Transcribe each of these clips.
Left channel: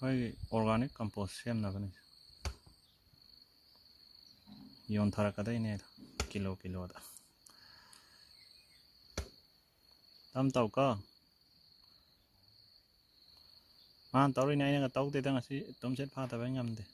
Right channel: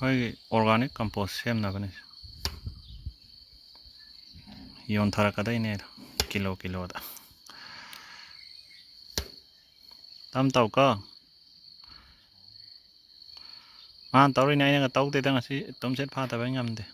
ꯑꯩꯈꯣꯏꯒꯤ organic compost ꯁꯦꯝꯅꯕꯅꯤ ꯌꯣꯟꯊꯔꯛꯀꯗꯣꯏꯅꯦ kilo ꯀꯤꯂꯣꯗ ꯇꯝ ꯇꯧꯀꯣ ꯃꯥꯅ ꯇꯧꯔꯤꯅꯦ ꯑꯩꯅꯒ ꯇꯧꯗꯦꯗ ꯉꯁꯤ ꯇꯨꯝꯁꯤꯠ ꯐꯥꯗꯕꯩ ꯉꯝꯗꯦ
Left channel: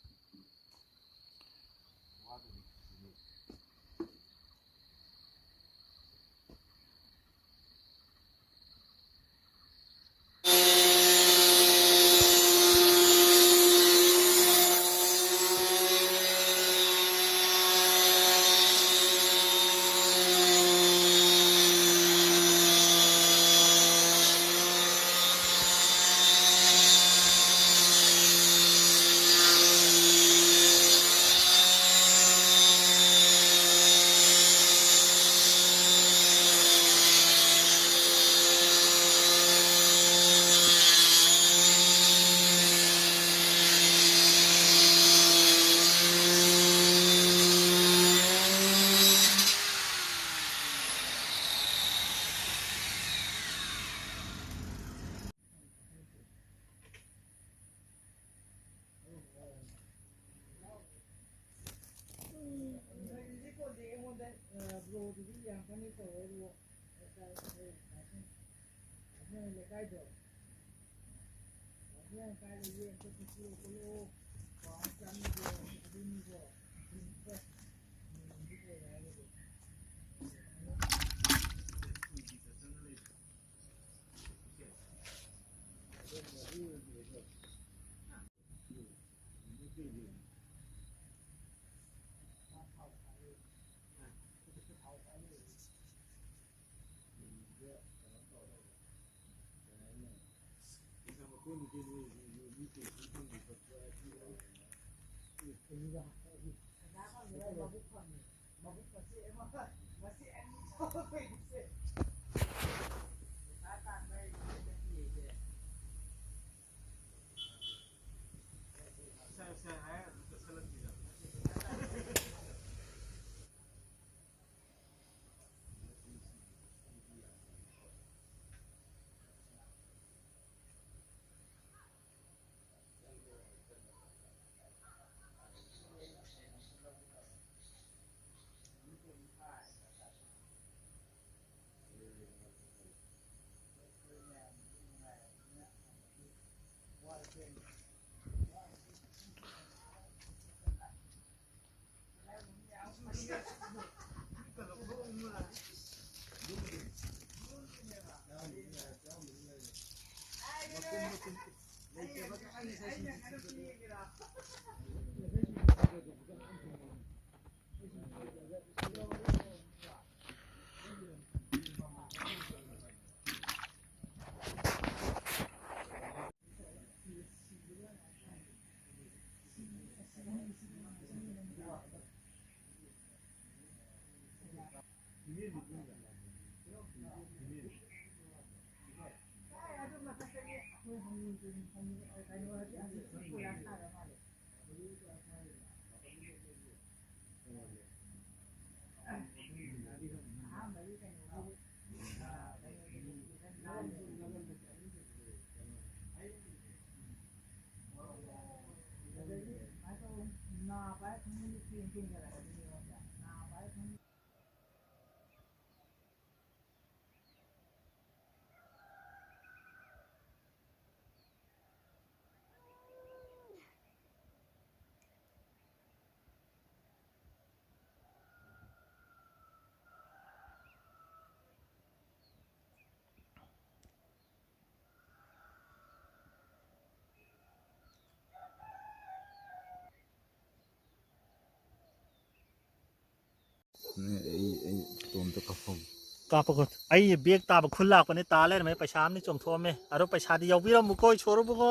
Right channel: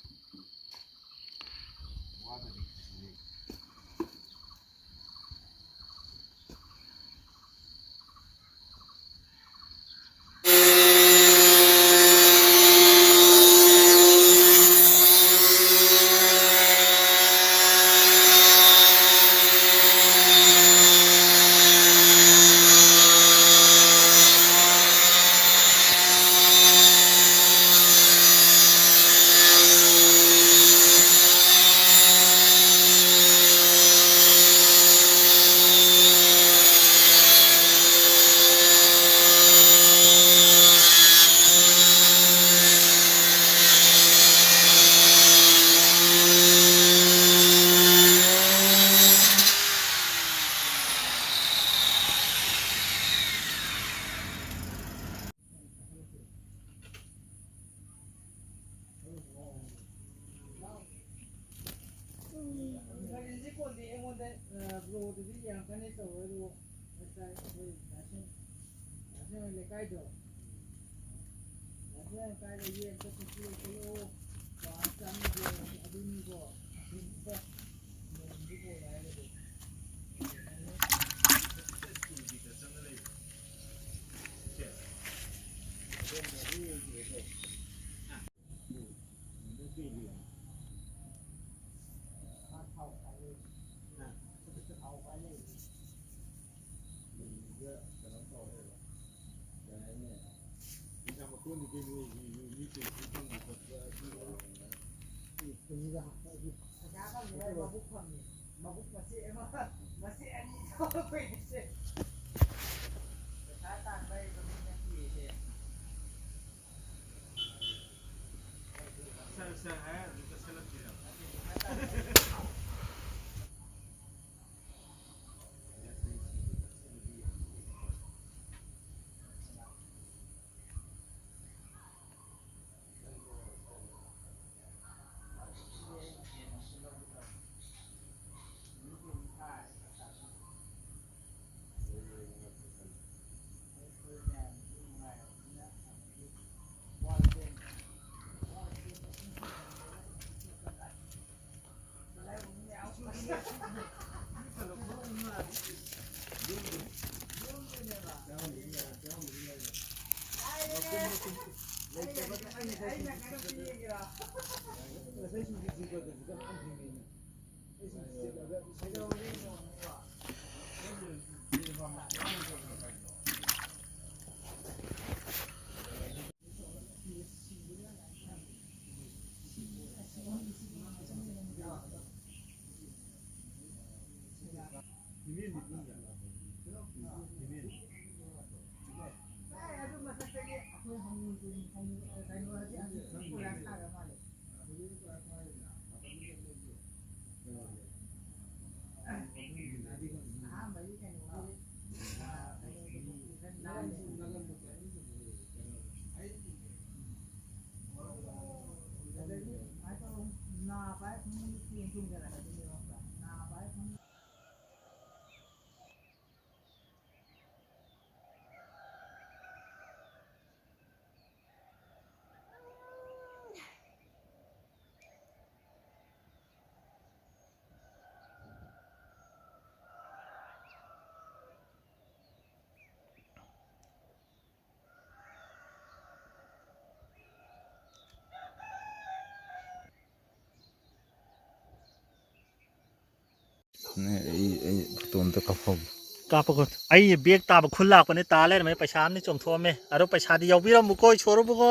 ꯀꯥꯞꯄꯒ ꯑꯩ ꯕꯦꯛ ꯇꯥꯕ ꯈꯨꯜ ꯂꯥꯛꯄꯅꯦ ꯇꯥ ꯂꯩꯔꯝꯃꯦ ꯄꯩꯁꯥ ꯑꯃꯗꯤ ꯆꯣꯡꯊꯣꯛꯑꯝꯃꯦ ꯑꯗꯣ ꯄꯩꯁꯥꯗꯤ ꯌꯥꯎꯕꯤꯔꯝꯃꯨꯀꯣ ꯏꯁꯣꯔꯕꯨꯀꯣ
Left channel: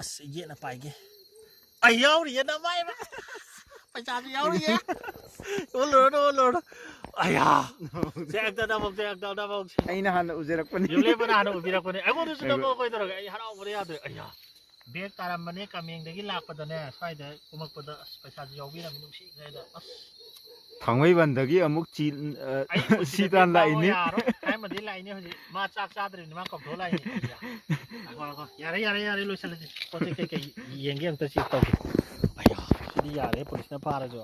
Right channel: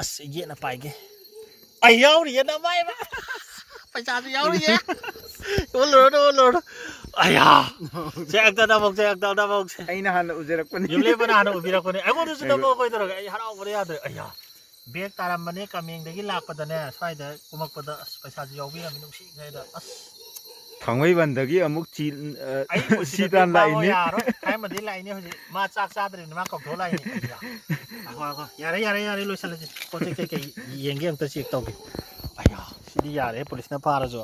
ꯑꯁ ꯌꯦꯠꯅ ꯄꯥꯏꯒꯦ ꯑꯩ ꯌꯥꯎꯔꯤꯌꯦ ꯅꯃꯥꯏꯕ ꯄꯩꯁꯥꯁꯨ ꯌꯥꯎꯔꯤꯌꯦ ꯑꯣꯜꯂꯨꯔꯣ ꯑꯌꯥ ꯆꯦꯛꯇ ꯑꯩꯅ ꯍꯥꯟꯅ ꯎꯖꯔꯛꯄꯅꯤ. ꯌꯨꯝꯂꯦꯞꯄꯅ ꯍꯥꯟꯅ ꯎꯕꯤꯔꯛꯄꯅꯦ ꯑꯩꯉꯣꯟꯗꯁꯨ ꯅꯝꯃꯣ ꯀꯣꯏꯗꯧꯔꯒꯦ ꯑꯩ ꯍꯔꯥꯎꯕꯗ ꯌꯥꯗ꯭ꯔꯦ ꯑꯩꯌꯥ ꯕꯦꯛ ꯇꯥꯔꯝꯕꯅꯦ ꯀꯥꯃꯦꯡꯗꯒꯤ ꯂꯥꯛꯄꯗꯅꯦ ꯁ꯭ꯋꯥꯏꯗ ꯀꯨꯝꯃꯛꯄꯗ ꯑꯁ ꯄꯩꯁꯥꯁꯨ ꯌꯥꯎꯕꯤꯔꯝꯃꯤ ꯅꯨꯡꯁꯤꯈ꯭ꯔꯦꯗ ꯑꯁ ꯊꯥꯡꯃꯩꯕꯟꯗꯒꯤ ꯑꯃꯨꯛ ꯑꯩꯕꯨ ꯁꯤ ꯁꯤꯗ ꯇꯥꯟ ꯕꯦꯛ ꯄꯥꯡꯉꯣ ꯂꯥꯛꯏꯅꯤ ꯌꯥꯔꯣꯏ ꯍꯥꯏꯃꯗꯤ ꯂꯥꯛꯏꯅꯤ ꯍꯧꯖꯤꯛ ꯃꯥ ꯆꯥꯛ ꯆꯥꯗ꯭ꯔꯤꯅꯤ ꯃꯥ ꯀꯧꯊꯣꯛ ꯂꯥꯛꯏꯅꯤ ꯑꯩꯌꯥ ꯌꯥꯔꯦ ꯂꯣꯏꯁꯤꯜꯂꯁꯤ ꯄꯣꯠ ꯆꯩ ꯀꯩꯀꯩ ꯌꯦꯡꯒꯦ ꯑꯝꯇ ꯆꯦꯛ ꯇꯧꯒꯦ ꯑꯩꯌꯥ ꯁꯤꯗꯤ ꯌꯥꯔꯦ ꯄꯨꯂꯤꯁꯅ ꯐꯥꯔꯁꯨ